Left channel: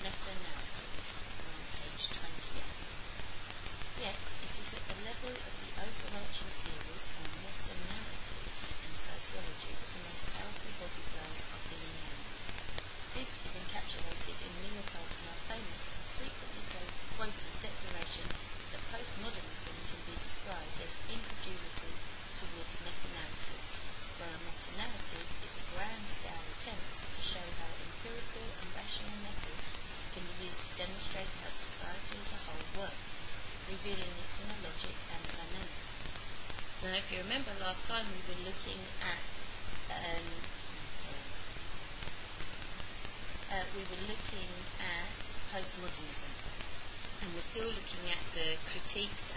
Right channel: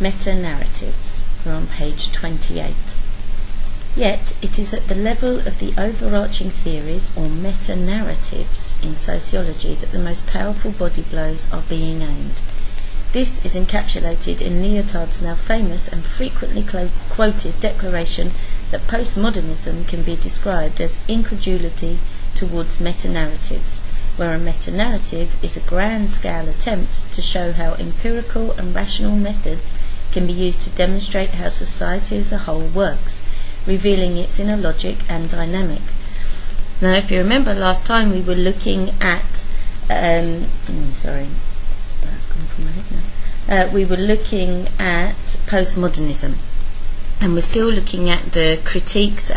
Metanarratives. We're on page 28. Yet it is at the level of the overarching theories or metanarratives in sociology that the most powerful body blows are being aimed. This is encapsulated in Lyotard's now famous and frequently quoted declaration that postmodernism can be described as incredulity towards metanarratives, where a metanarrative is a grand-scale attempt to show how empirical and rational methods can be used to demonstrate how society as a whole works, revealing its inner logic and dynamic. Now, if you remember last time, we were looking at we were looking at postmodernism, and we're still looking at the critiques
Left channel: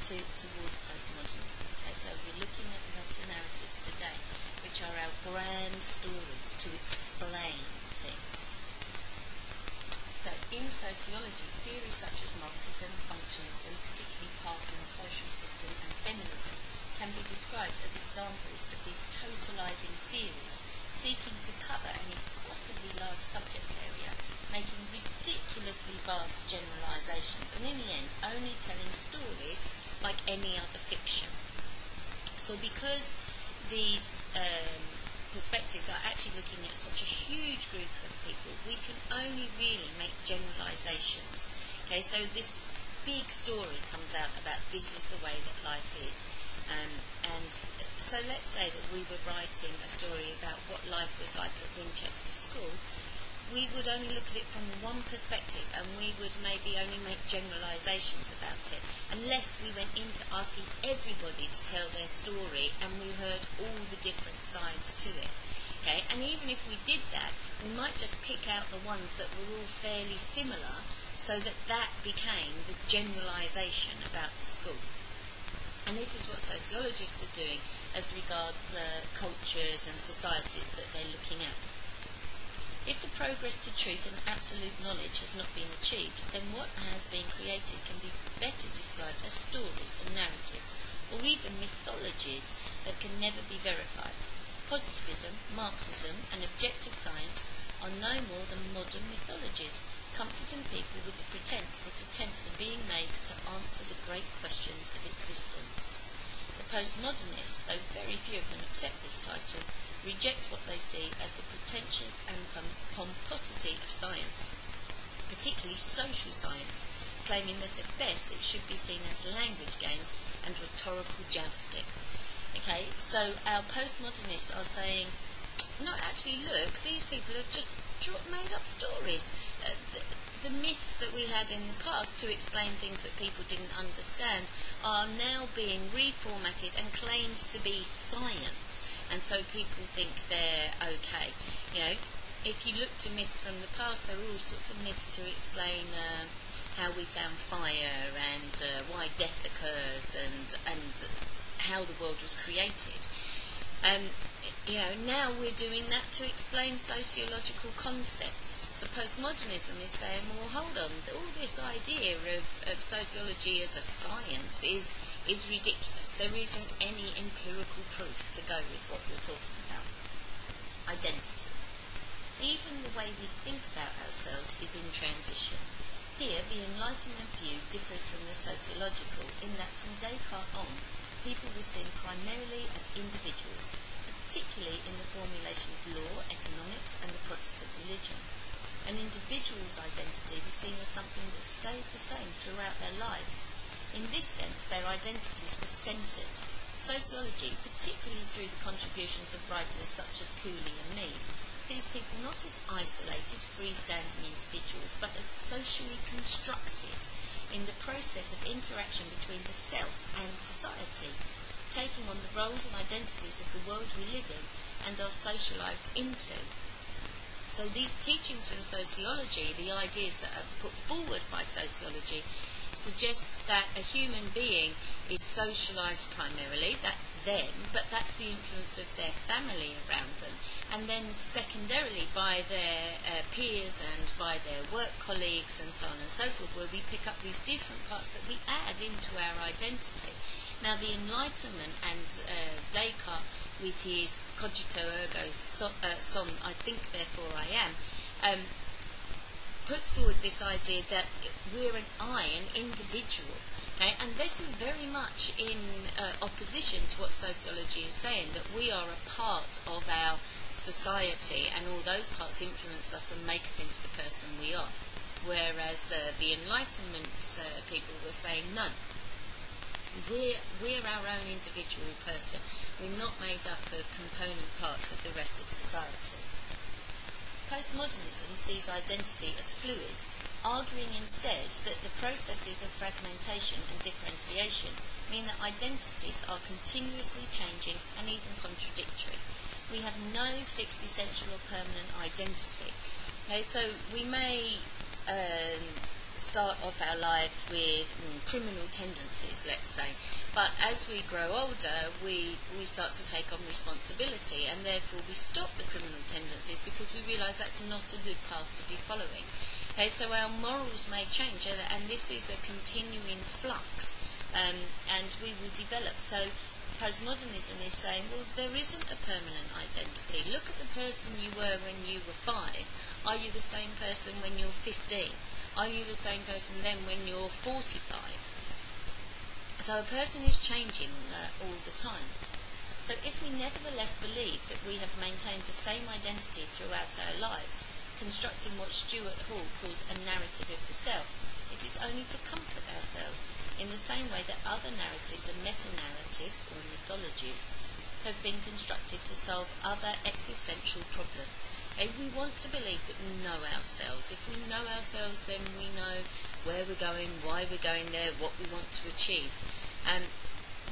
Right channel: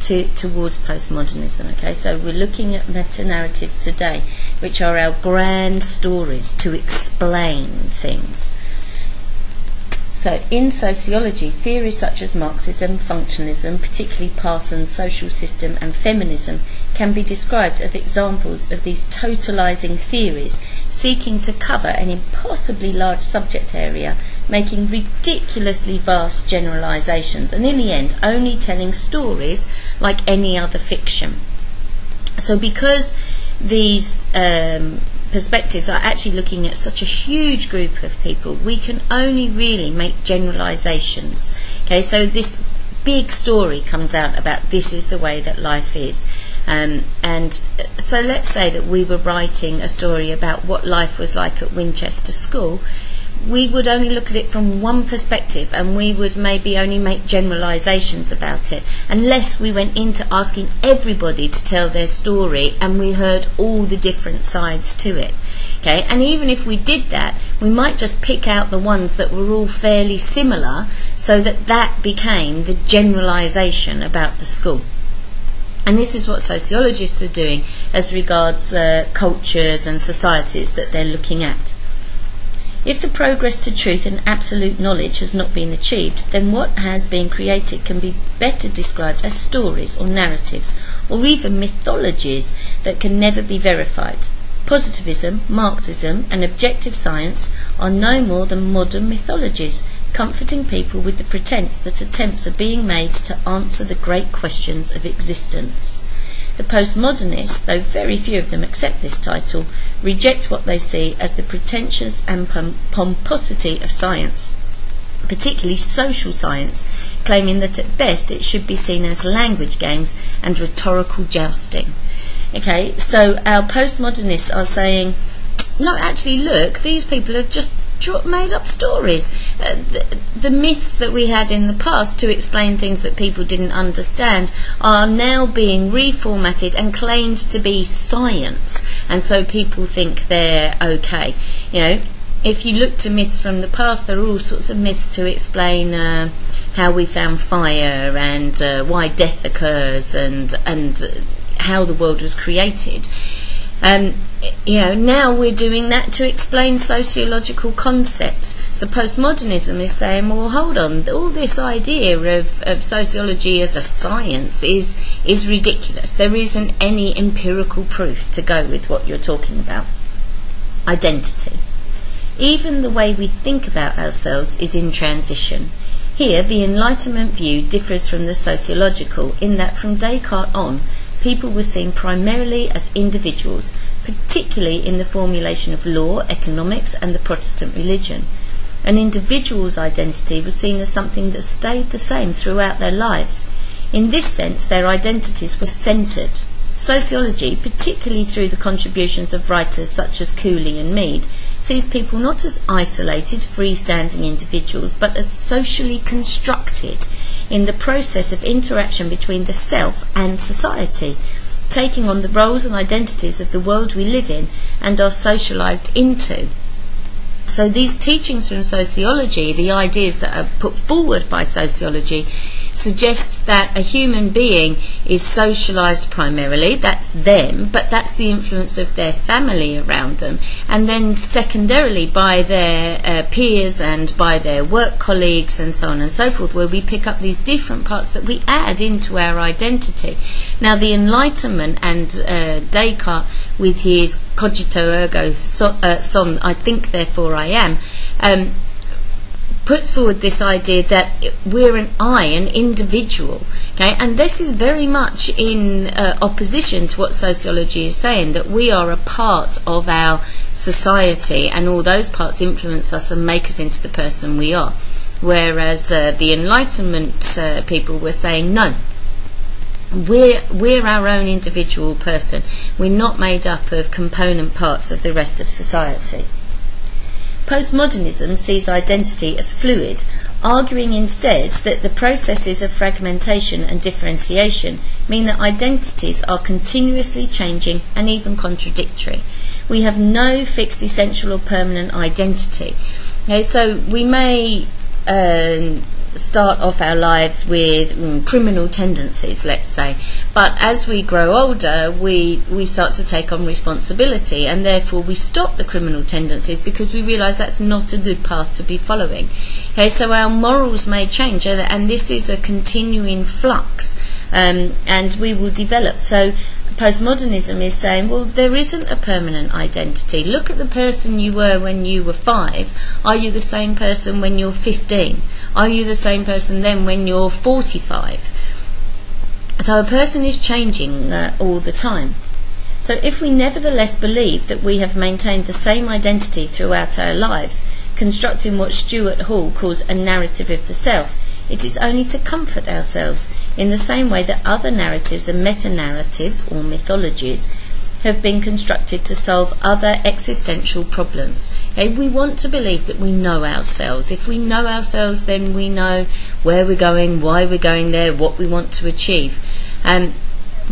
towards postmodernism. Okay, so we're looking at metanarratives today, which are our grand stories to explain things. So in sociology, theories such as Marxism, functionalism, particularly Parsons' social system and feminism, can be described as examples of these totalizing theories seeking to cover an impossibly large subject area, making ridiculously vast generalizations, and in the end only telling stories like any other fiction. So because these perspectives are actually looking at such a huge group of people, we can only really make generalizations. Okay, so this big story comes out about this is the way that life is. And so let's say that we were writing a story about what life was like at Winchester School. We would only look at it from one perspective, and we would maybe only make generalizations about it, unless we went into asking everybody to tell their story and we heard all the different sides to it. Okay, and even if we did that, we might just pick out the ones that were all fairly similar, so that that became the generalization about the school. And this is what sociologists are doing as regards cultures and societies that they're looking at. If the progress to truth and absolute knowledge has not been achieved, then what has been created can be better described as stories or narratives, or even mythologies that can never be verified. Positivism, Marxism, and objective science are no more than modern mythologies, comforting people with the pretense that attempts are being made to answer the great questions of existence. The postmodernists, though very few of them accept this title, reject what they see as the pretentious and pomposity of science, particularly social science, claiming that at best it should be seen as language games and rhetorical jousting. Okay, so our postmodernists are saying, no, actually, look, these people have just made up stories. The myths that we had in the past to explain things that people didn't understand are now being reformatted and claimed to be science, and so people think they're okay. You know, if you look to myths from the past, there are all sorts of myths to explain how we found fire and why death occurs and how the world was created. You know, now we're doing that to explain sociological concepts. So postmodernism is saying, well, hold on, all this idea of sociology as a science is ridiculous. There isn't any empirical proof to go with what you're talking about. Identity. Even the way we think about ourselves is in transition. Here, the Enlightenment view differs from the sociological in that from Descartes on, people were seen primarily as individuals, particularly in the formulation of law, economics, and the Protestant religion. An individual's identity was seen as something that stayed the same throughout their lives. In this sense, their identities were centred. Sociology, particularly through the contributions of writers such as Cooley and Mead, sees people not as isolated, freestanding individuals, but as socially constructed in the process of interaction between the self and society, taking on the roles and identities of the world we live in and are socialised into. So these teachings from sociology, the ideas that are put forward by sociology, suggests that a human being is socialised primarily, that's them, but that's the influence of their family around them, and then secondarily by their peers and by their work colleagues and so on and so forth, where we pick up these different parts that we add into our identity. Now the Enlightenment and Descartes with his cogito ergo sum, I think therefore I am, puts forward this idea that we're an individual. Okay, and this is very much in opposition to what sociology is saying, that we are a part of our society and all those parts influence us and make us into the person we are. Whereas the Enlightenment people were saying, no, we're our own individual person. We're not made up of component parts of the rest of society. Postmodernism sees identity as fluid, arguing instead that the processes of fragmentation and differentiation mean that identities are continuously changing and even contradictory. We have no fixed, essential or permanent identity. Okay, so we may start off our lives with criminal tendencies, let's say, but as we grow older we start to take on responsibility, and therefore we stop the criminal tendencies because we realise that's not a good path to be following. Okay, so our morals may change, and this is a continuing flux, and we will develop. So postmodernism is saying, well, there isn't a permanent identity. Look at the person you were when you were 5. Are you the same person when you're 15? Are you the same person then when you're 45? So a person is changing all the time. So if we nevertheless believe that we have maintained the same identity throughout our lives, constructing what Stuart Hall calls a narrative of the self, it is only to comfort ourselves in the same way that other narratives and meta-narratives, or mythologies, have been constructed to solve other existential problems. Okay, we want to believe that we know ourselves. If we know ourselves, then we know where we're going, why we're going there, what we want to achieve.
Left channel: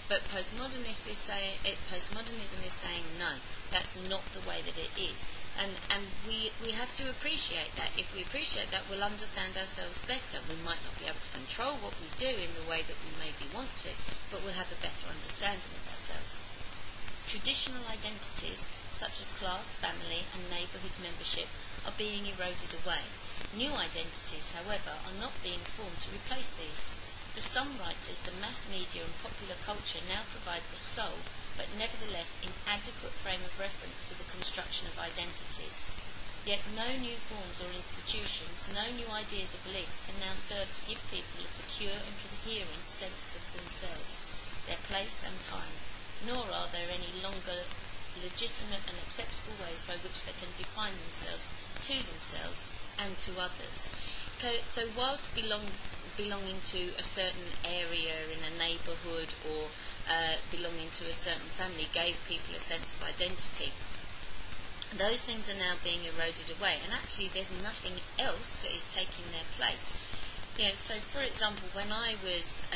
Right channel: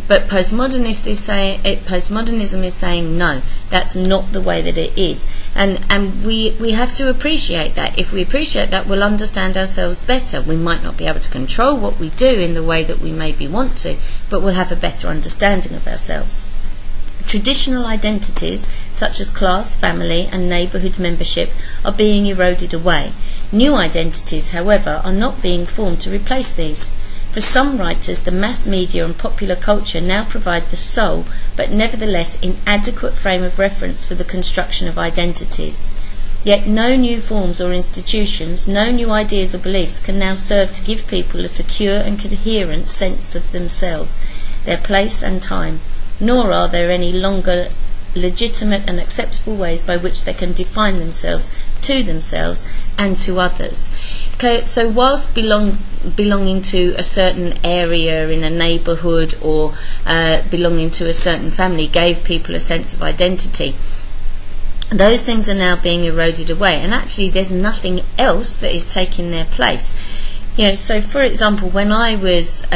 But postmodernism is saying no, that's not the way that it is. And we have to appreciate that. If we appreciate that, we'll understand ourselves better. We might not be able to control what we do in the way that we maybe want to, but we'll have a better understanding of ourselves. Traditional identities, such as class, family and neighbourhood membership, are being eroded away. New identities, however, are not being formed to replace these. For some writers, the mass media and popular culture now provide the sole, but nevertheless inadequate frame of reference for the construction of identities. Yet no new forms or institutions, no new ideas or beliefs can now serve to give people a secure and coherent sense of themselves, their place and time, nor are there any longer legitimate and acceptable ways by which they can define themselves and to others. Okay, so whilst belonging to a certain area in a neighbourhood or belonging to a certain family gave people a sense of identity, those things are now being eroded away, and actually there's nothing else that is taking their place. You know, so for example, when I was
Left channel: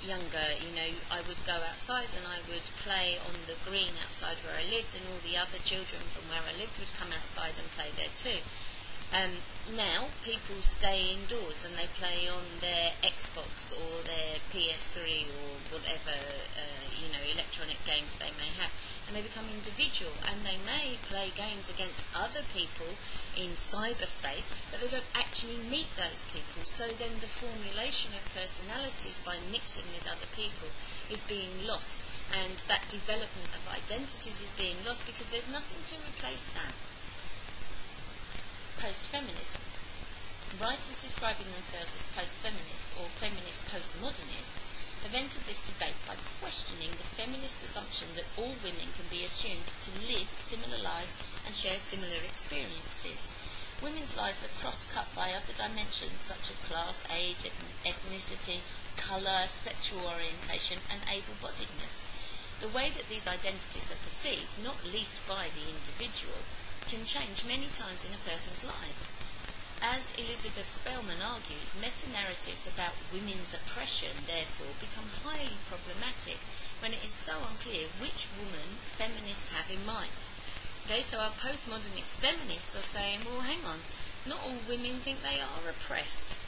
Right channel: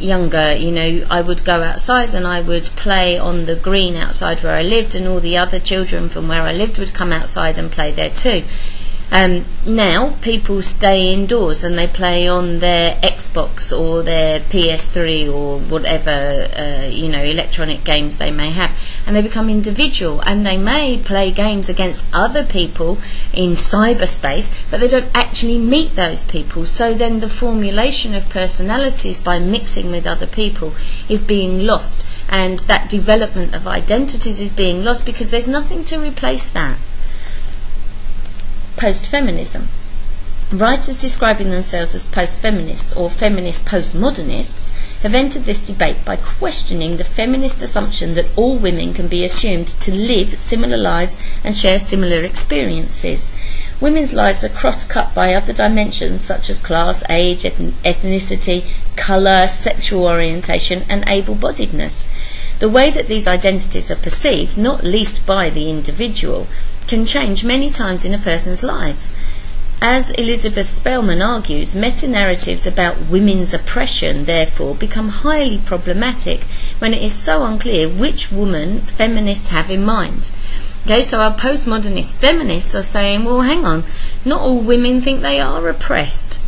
younger, you know, I would go outside and I would play on the green outside where I lived, and all the other children from where I lived would come outside and play there too. Now people stay indoors and they play on their Xbox or their PS3 or whatever electronic games they may have, and they become individual, and they may play games against other people in cyberspace, but they don't actually meet those people. So then the formulation of personalities by mixing with other people is being lost, and that development of identities is being lost because there's nothing to replace that. Post-feminism. Writers describing themselves as post-feminists or feminist postmodernists have entered this debate by questioning the feminist assumption that all women can be assumed to live similar lives and share similar experiences. Women's lives are cross-cut by other dimensions such as class, age, ethnicity, colour, sexual orientation and able-bodiedness. The way that these identities are perceived, not least by the individual, can change many times in a person's life. As Elizabeth Spellman argues, meta-narratives about women's oppression therefore become highly problematic when it is so unclear which woman feminists have in mind. Okay, so our postmodernist feminists are saying, well, hang on, not all women think they are oppressed.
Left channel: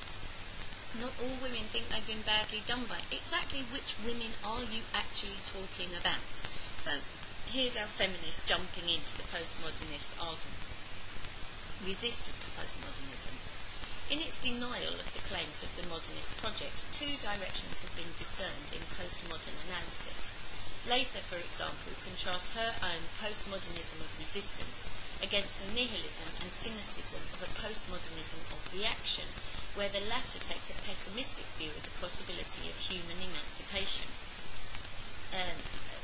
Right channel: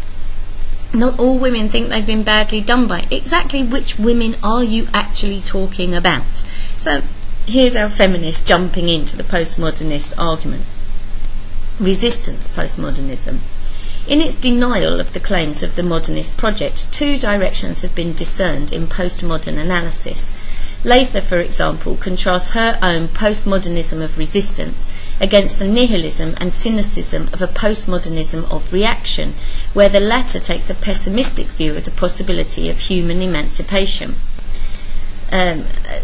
Not all women think they've been badly done by. Exactly which women are you actually talking about? So here's our feminist jumping into the postmodernist argument. Resistance postmodernism. In its denial of the claims of the modernist project, two directions have been discerned in postmodern analysis. Lather, for example, contrasts her own postmodernism of resistance against the nihilism and cynicism of a postmodernism of reaction, where the latter takes a pessimistic view of the possibility of human emancipation.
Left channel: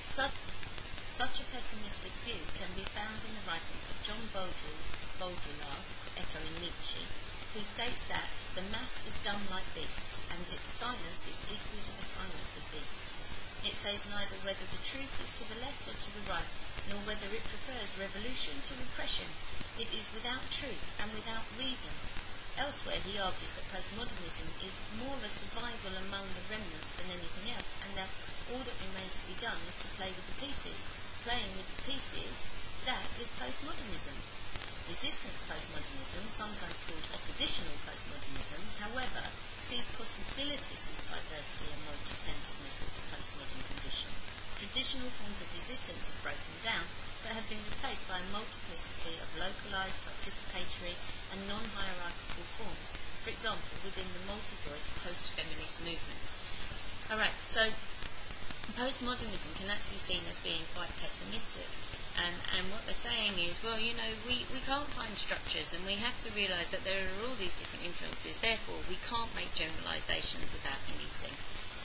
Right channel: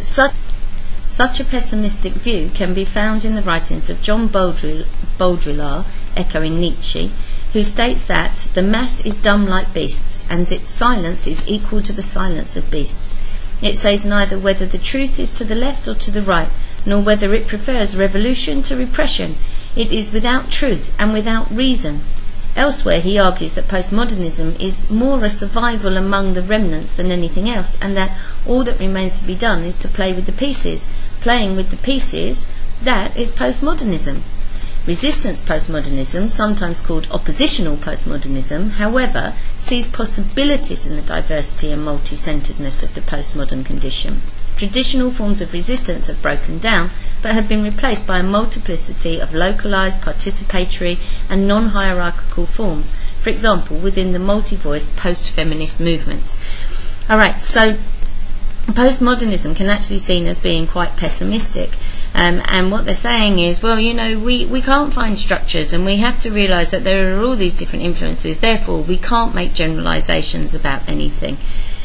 Such a pessimistic view can be found in the writings of John Baudrillard, echoing Nietzsche, who states that the mass is dumb like beasts, and its silence is equal to the silence of beasts. It says neither whether the truth is to the left or to the right, nor whether it prefers revolution to repression. It is without truth and without reason. Elsewhere he argues that postmodernism is more a survival among the remnants than anything else, and that all that remains to be done is to play with the pieces. Playing with the pieces, that is postmodernism. Resistance postmodernism, sometimes called oppositional postmodernism, however, sees possibilities in the diversity and multi-centeredness of the postmodern condition. Traditional forms of resistance have broken down, but have been replaced by a multiplicity of localized, participatory and non-hierarchical forms, for example, within the multi-voice post-feminist movements. Alright, so postmodernism can actually be seen as being quite pessimistic. And what they're saying is, well, you know, we can't find structures, and we have to realise that there are all these different influences, therefore we can't make generalisations about anything.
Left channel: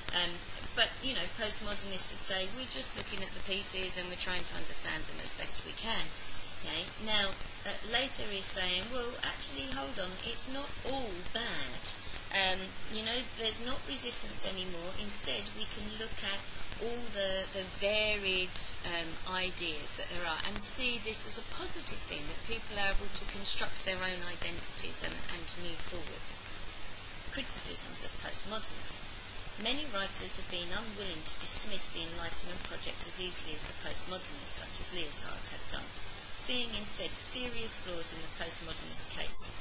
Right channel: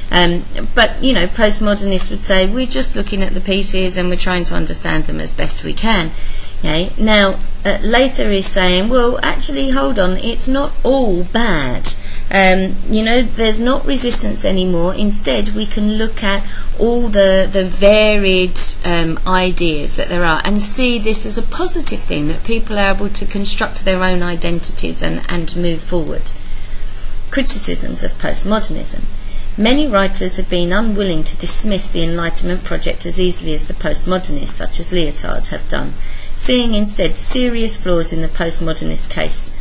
But, you know, postmodernists would say we're just looking at the pieces and we're trying to understand them as best we can. Okay? Now, Lather is saying, well, actually, hold on, it's not all bad. You know, there's not resistance anymore. Instead, we can look at all the varied ideas that there are and see this as a positive thing, that people are able to construct their own identities and move forward. Criticisms of postmodernism. Many writers have been unwilling to dismiss the Enlightenment project as easily as the postmodernists, such as Lyotard, have done, seeing instead serious flaws in the postmodernist case.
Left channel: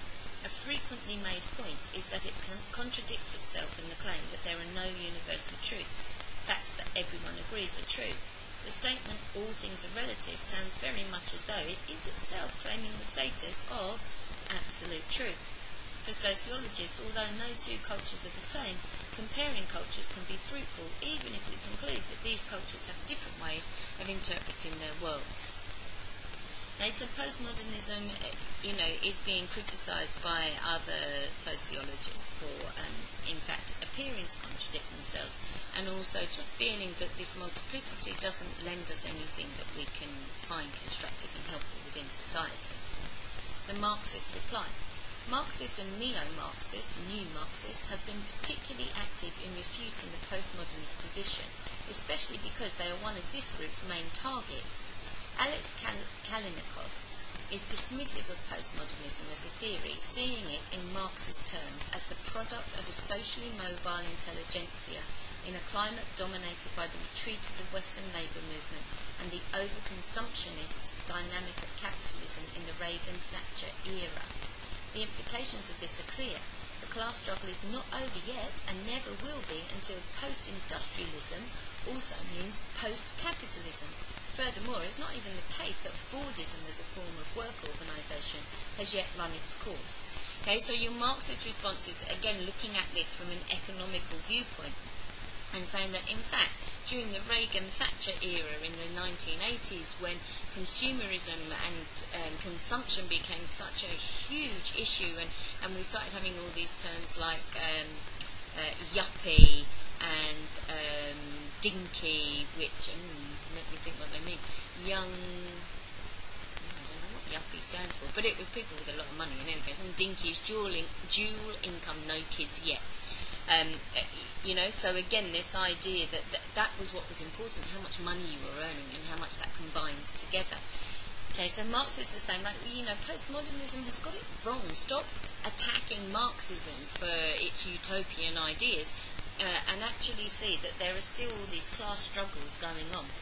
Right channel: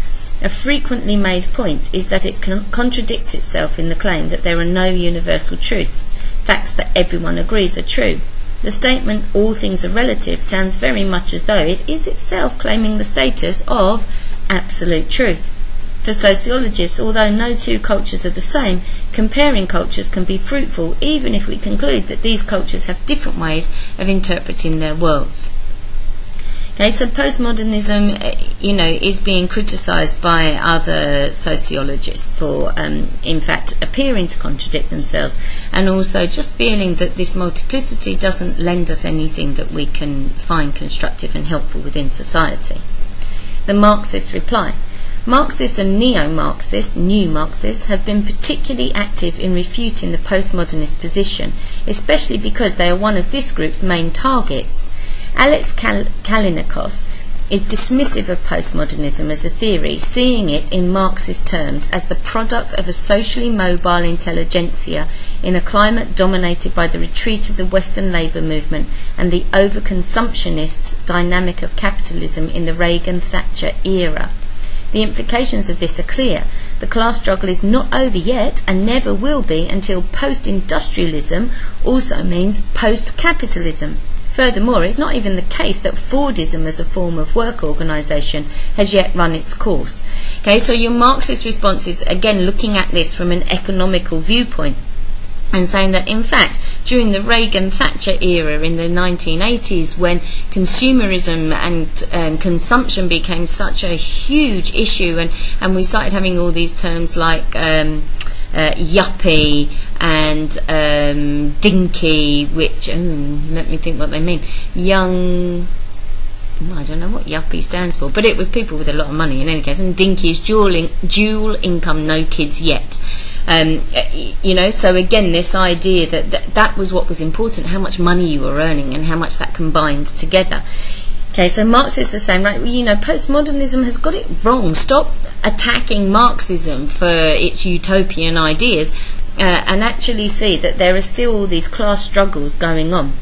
A frequently made point is that it contradicts itself in the claim that there are no universal truths, facts that everyone agrees are true. The statement, all things are relative, sounds very much as though it is itself claiming the status of absolute truth. For sociologists, although no two cultures are the same, comparing cultures can be fruitful even if we conclude that these cultures have different ways of interpreting their worlds. Okay, so postmodernism, you know, is being criticised by other sociologists for, in fact, appearing to contradict themselves, and also just feeling that this multiplicity doesn't lend us anything that we can find constructive and helpful within society. The Marxist reply. Marxists and neo-Marxists, new Marxists, have been particularly active in refuting the postmodernist position, especially because they are one of this group's main targets. Alex Kalinikos is dismissive of postmodernism as a theory, seeing it in Marxist terms as the product of a socially mobile intelligentsia in a climate dominated by the retreat of the Western labour movement and the overconsumptionist dynamic of capitalism in the Reagan-Thatcher era. The implications of this are clear. The class struggle is not over yet and never will be until post-industrialism also means post-capitalism. Furthermore, it's not even the case that Fordism as a form of work organisation has yet run its course. Okay, so your Marxist response is, again, looking at this from an economical viewpoint and saying that, in fact, during the Reagan-Thatcher era in the 1980s, when consumerism and consumption became such a huge issue, and we started having all these terms like yuppie and dinky, which, let me think what they mean. Young, I don't know what yuppie stands for, but it was people with a lot of money in any case, and dinky is dual income, no kids yet. You know, so again, this idea that was what was important, how much money you were earning and how much that combined together. Okay, so Marxists are saying, right, well, you know, postmodernism has got it wrong. Stop attacking Marxism for its utopian ideas and actually see that there are still all these class struggles going on.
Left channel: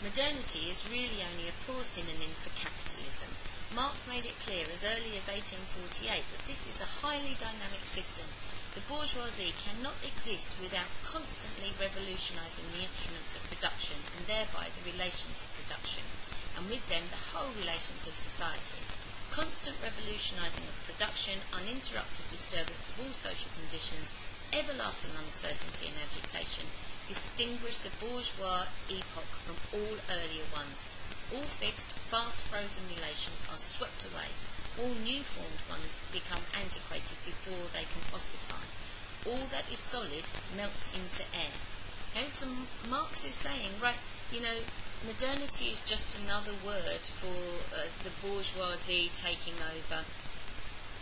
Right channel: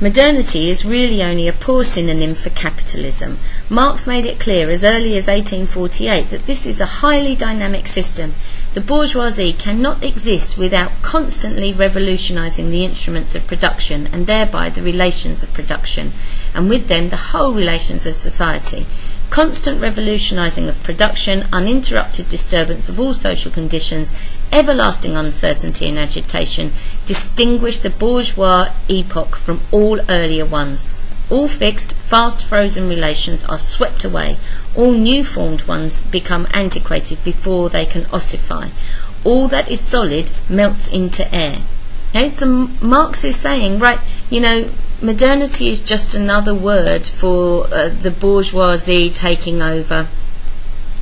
Modernity is really only a poor synonym for capitalism. Marx made it clear as early as 1848 that this is a highly dynamic system. The bourgeoisie cannot exist without constantly revolutionising the instruments of production and thereby the relations of production, and with them the whole relations of society. constant revolutionising of production, uninterrupted disturbance of all social conditions, everlasting uncertainty and agitation distinguish the bourgeois epoch from all earlier ones. All fixed, fast frozen relations are swept away. All new formed ones become antiquated before they can ossify. All that is solid melts into air. Okay, so Marx is saying, right, modernity is just another word for the bourgeoisie taking over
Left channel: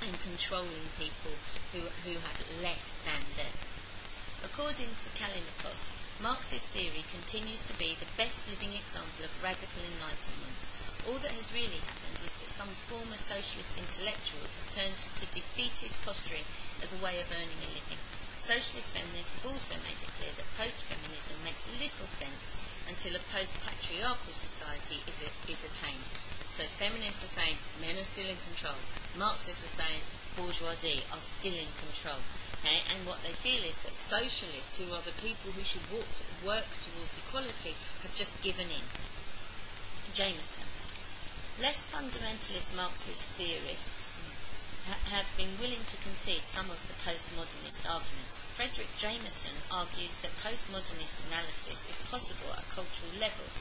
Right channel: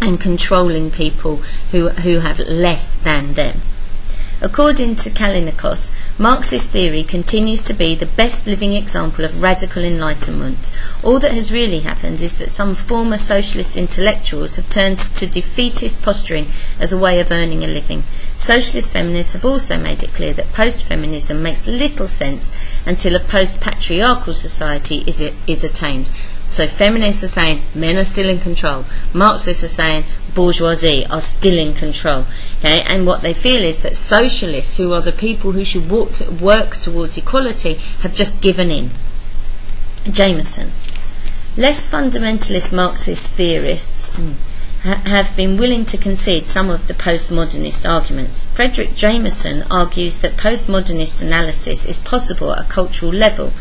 and controlling people who have less than them. According to Kalinikos, Marxist theory continues to be the best living example of radical enlightenment. All that has really happened is that some former socialist intellectuals have turned to defeatist posturing as a way of earning a living. Socialist feminists have also made it clear that post-feminism makes little sense until a post-patriarchal society is attained. So feminists are saying men are still in control. Marxists are saying bourgeoisie are still in control. Okay? And what they feel is that socialists, who are the people who should work towards equality, have just given in. Jameson. Less fundamentalist Marxist theorists have been willing to concede some of the postmodernist arguments. Frederick Jameson argues that postmodernist analysis is possible at a cultural level,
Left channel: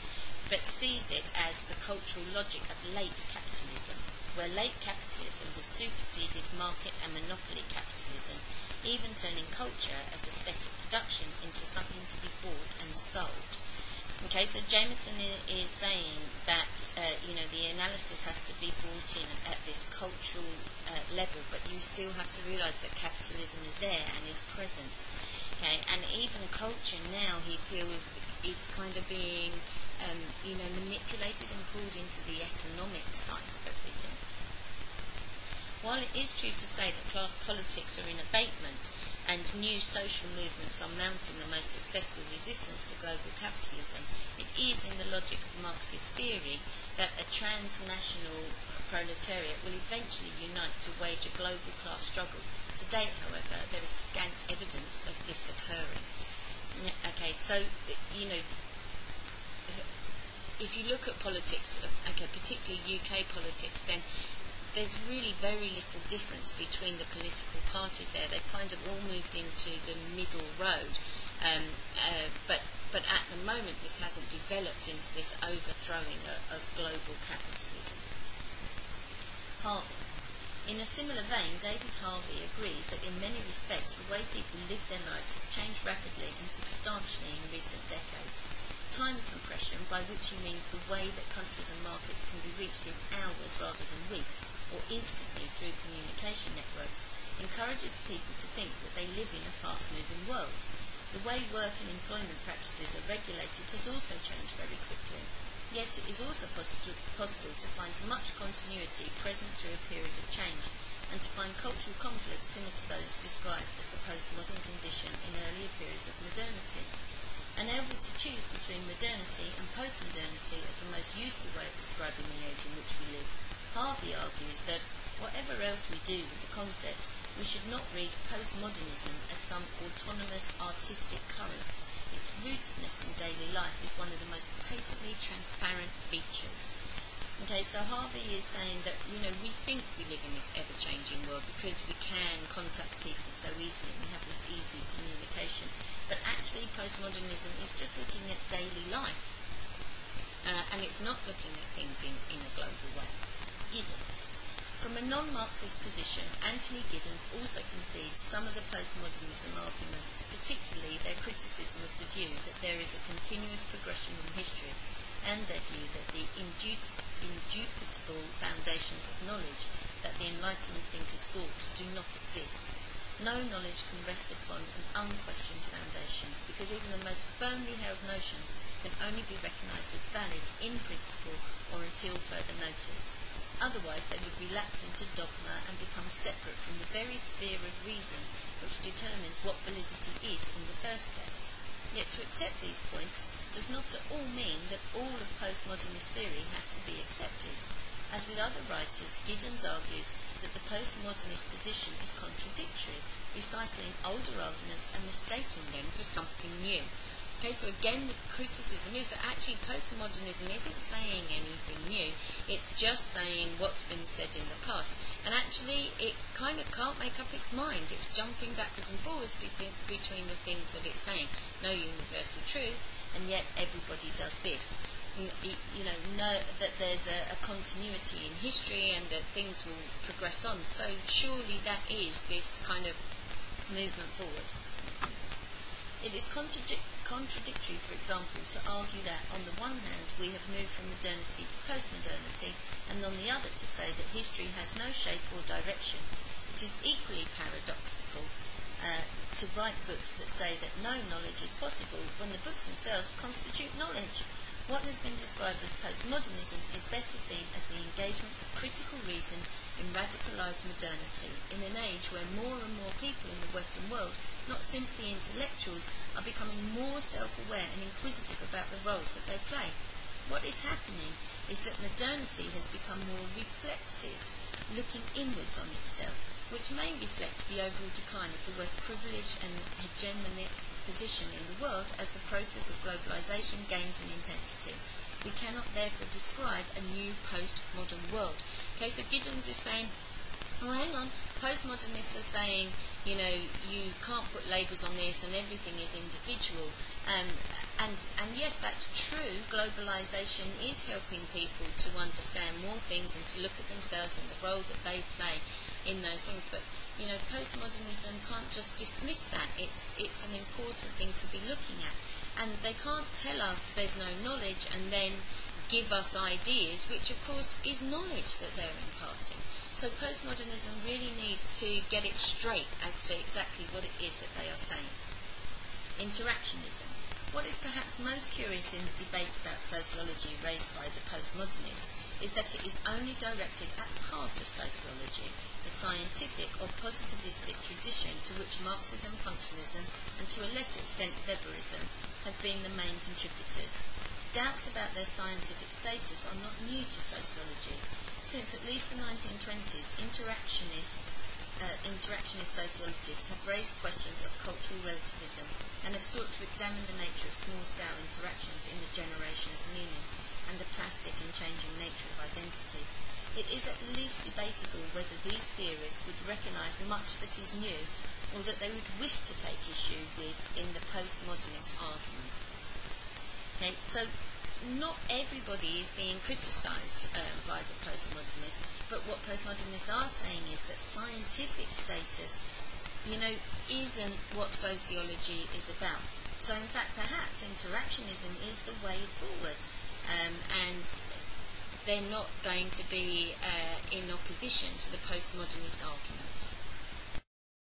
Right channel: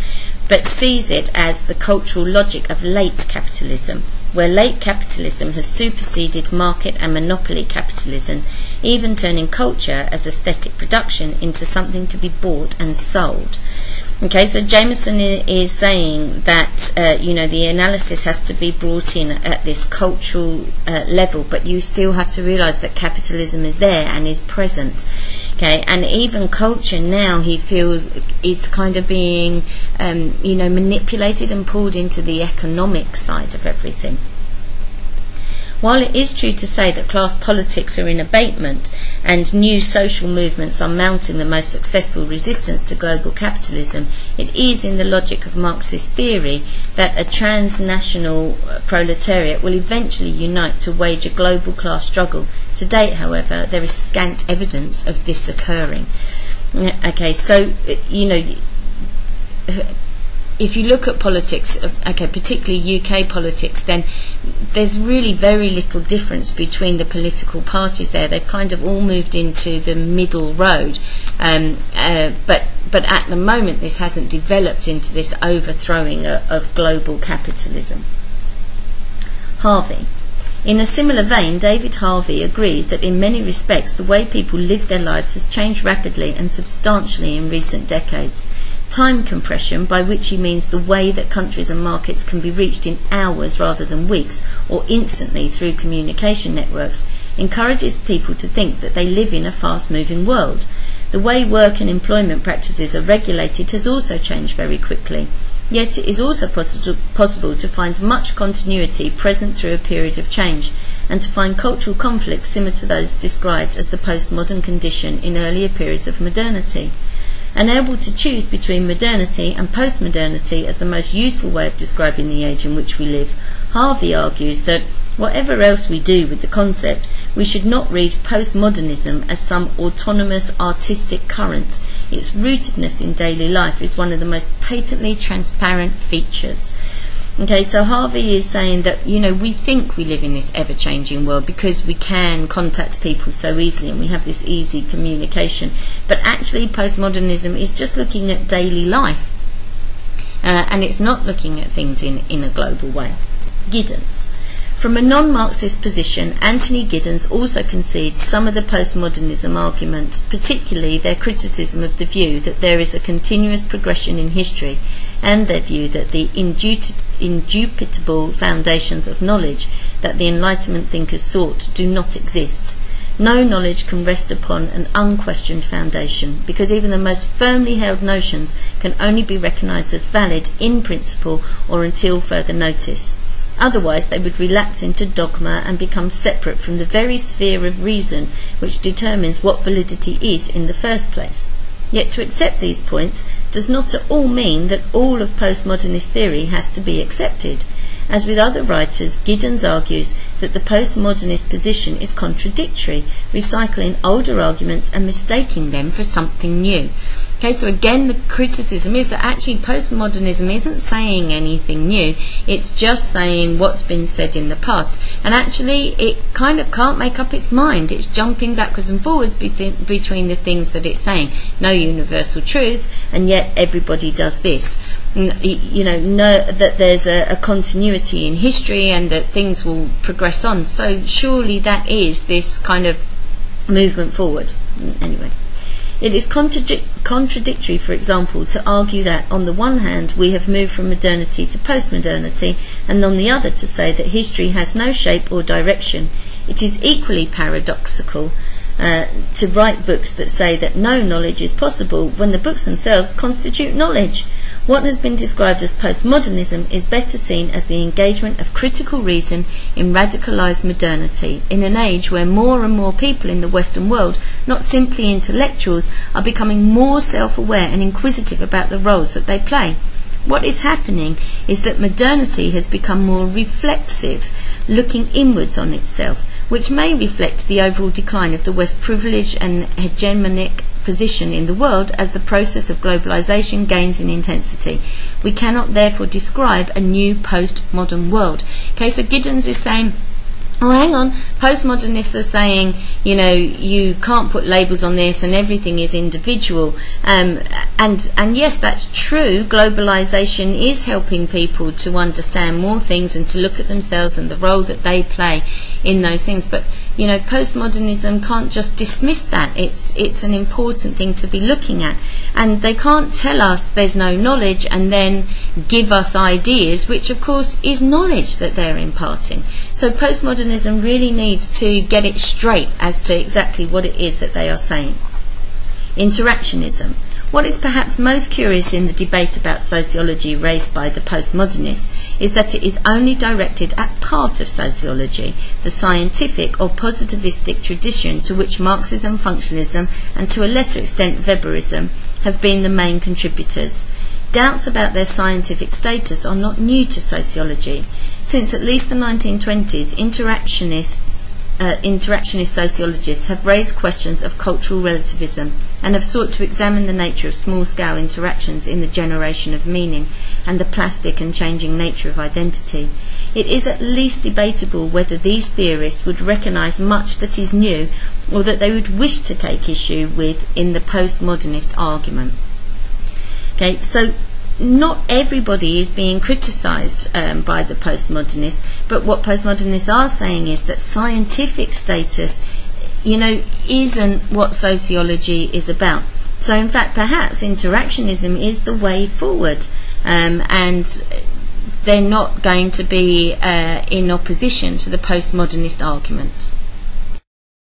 but sees it as the cultural logic of late capitalism, where late capitalism has superseded market and monopoly capitalism, even turning culture as aesthetic production into something to be bought and sold. Okay, so Jameson is saying that the analysis has to be brought in at this cultural level, but you still have to realise that capitalism is there and is present. Okay, and even culture now, he feels, is kind of being manipulated and pulled into the economic side of everything. While it is true to say that class politics are in abatement and new social movements are mounting the most successful resistance to global capitalism, it is in the logic of Marxist theory that a transnational proletariat will eventually unite to wage a global class struggle. To date, however, there is scant evidence of this occurring. Okay, so, if you look at politics, particularly UK politics, then there's really very little difference between the political parties there. They've kind of all moved into the middle road, but at the moment this hasn't developed into this overthrowing of global capitalism. Harvey. In a similar vein, David Harvey agrees that in many respects the way people live their lives has changed rapidly and substantially in recent decades. Time compression, by which he means the way that countries and markets can be reached in hours rather than weeks, or instantly through communication networks, encourages people to think that they live in a fast-moving world. The way work and employment practices are regulated has also changed very quickly. Yet it is also possible to find much continuity present through a period of change, and to find cultural conflicts similar to those described as the postmodern condition in earlier periods of modernity. Unable to choose between modernity and postmodernity as the most useful way of describing the age in which we live, Harvey argues that, whatever else we do with the concept, we should not read postmodernism as some autonomous artistic current. Its rootedness in daily life is one of the most patently transparent features. Okay, so Harvey is saying that, we think we live in this ever-changing world because we can contact people so easily and we have this easy communication. But actually, postmodernism is just looking at daily life. And it's not looking at things in a global way. Giddens. From a non-Marxist position, Anthony Giddens also concedes some of the postmodernism argument, particularly their criticism of the view that there is a continuous progression in history, and their view that the indubitable foundations of knowledge that the Enlightenment thinkers sought do not exist. No knowledge can rest upon an unquestioned foundation, because even the most firmly held notions can only be recognised as valid in principle or until further notice. Otherwise they would relapse into dogma and become separate from the very sphere of reason which determines what validity is in the first place. Yet to accept these points does not at all mean that all of postmodernist theory has to be accepted. As with other writers, Giddens argues that the postmodernist position is contradictory, recycling older arguments and mistaking them for something new. Okay, so again, the criticism is that actually postmodernism isn't saying anything new. It's just saying what's been said in the past. And actually, it kind of can't make up its mind. It's jumping backwards and forwards between the things that it's saying. No universal truth, and yet everybody does this. You know that there's a continuity in history and that things will progress on. So surely that is this kind of movement forward. Anyway. It is contradictory, for example, to argue that on the one hand we have moved from modernity to postmodernity, and on the other to say that history has no shape or direction. It is equally paradoxical to write books that say that no knowledge is possible when the books themselves constitute knowledge. What has been described as postmodernism is better seen as the engagement of critical reason in radicalised modernity, in an age where more and more people in the Western world, not simply intellectuals, are becoming more self-aware and inquisitive about the roles that they play. What is happening is that modernity has become more reflexive, looking inwards on itself, which may reflect the overall decline of the West's privileged and hegemonic position in the world as the process of globalization gains in intensity. We cannot therefore describe a new postmodern world. Okay, so Giddens is saying, oh, hang on, postmodernists are saying, you know, you can't put labels on this and everything is individual. And yes, that's true. Globalization is helping people to understand more things and to look at themselves and the role that they play in those things. But you know, postmodernism can't just dismiss that. It's an important thing to be looking at. And they can't tell us there's no knowledge and then give us ideas, which of course is knowledge that they're imparting. So postmodernism really needs to get it straight as to exactly what it is that they are saying. Interactionism. What is perhaps most curious in the debate about sociology raised by the postmodernists is that it is only directed at part of sociology, the scientific or positivistic tradition to which Marxism, functionalism, and to a lesser extent Weberism have been the main contributors. Doubts about their scientific status are not new to sociology. Since at least the 1920s, interactionist sociologists have raised questions of cultural relativism and have sought to examine the nature of small-scale interactions in the generation of meaning and the plastic and changing nature of identity. It is at least debatable whether these theorists would recognise much that is new or that they would wish to take issue with in the postmodernist argument. Okay, so not everybody is being criticised by the postmodernists, but what postmodernists are saying is that scientific status, you know, isn't what sociology is about. So in fact, perhaps interactionism is the way forward, and they're not going to be in opposition to the postmodernist argument.